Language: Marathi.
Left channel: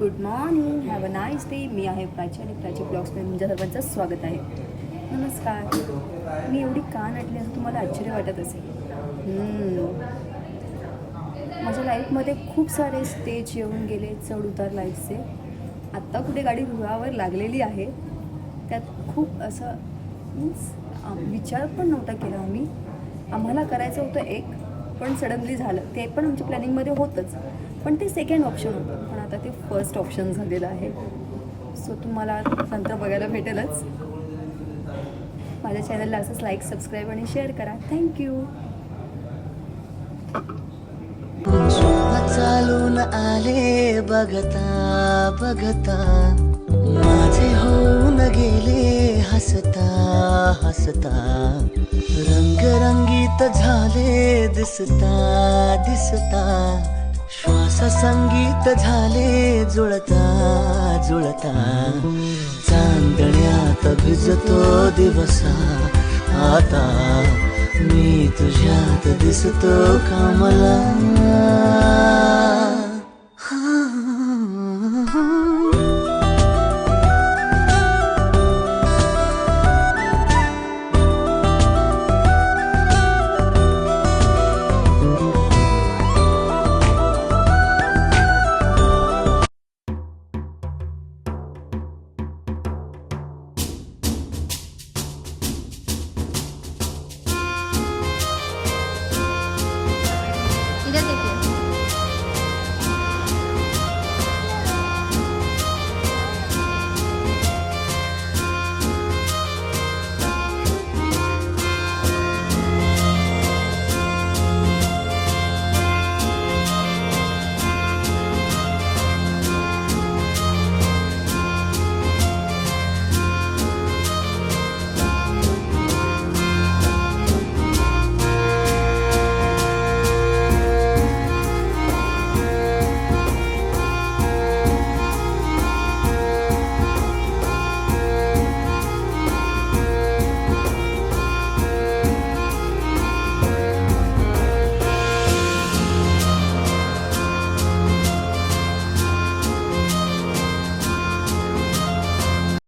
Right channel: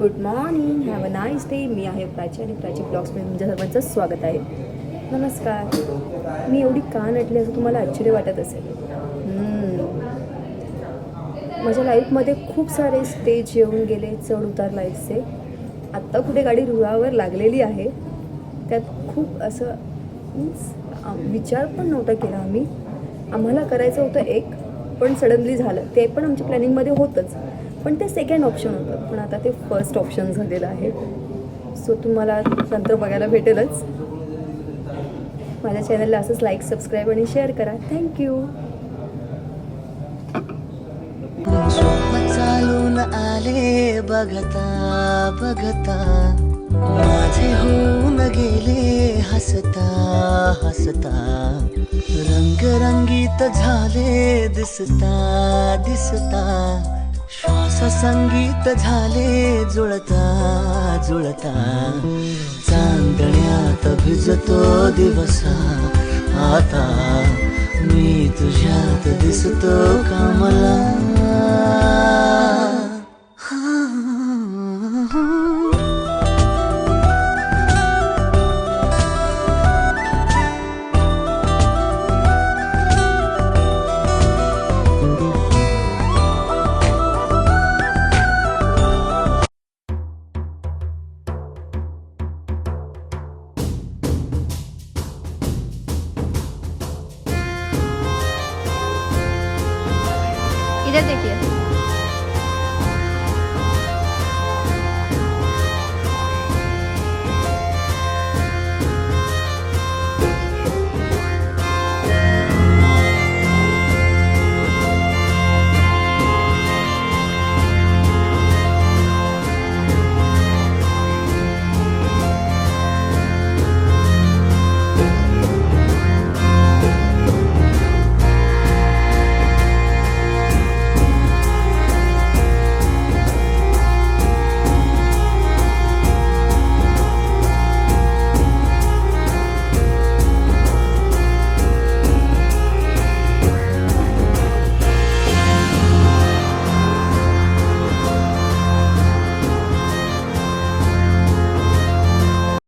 Good morning, have a nice day. मी आहे प्राची आणि प्राची ब्लॉग्समध्ये तुमच्या सर्वांचं स्वागत आहे. नमस्कार. मी एवढी का नटली असं तुम्हाला आश्चर्य वाटत असेल. माझ्या लाईफमध्ये खूप सारे स्टेज येऊन गेले, चढ उतार लाईफचे. आत्ता कुठे गाडी रुळावर लागलेली आहे. त्यात खूप असं विचार पण नव्हता केला आम्हाला करायचं होतं एक, पण सडनली झालं. ते पण आमच्या प्लॅनिंगमध्ये होतंच, पण ते सेकंड ऑप्शन होतं. पण आता ते फर्स्ट ऑप्शन झालेलं आहे. सो तुम्हाला नंतर बघायला भेटेलच. माझ्या चॅनलला असंच लाईक, सबस्क्राईब आणि शेअर करा. थँक्यू. स्वप्न चालून आले बघता बघता, माझे होऊन गेले हसता हसता. रंगरंगीत झाले दिसता दिसता, श्वास संगीत झाले जुळता जुळता. चांदण्यात भिजतो दिवसा आता, मी तुझ्यात दिसतो कमला.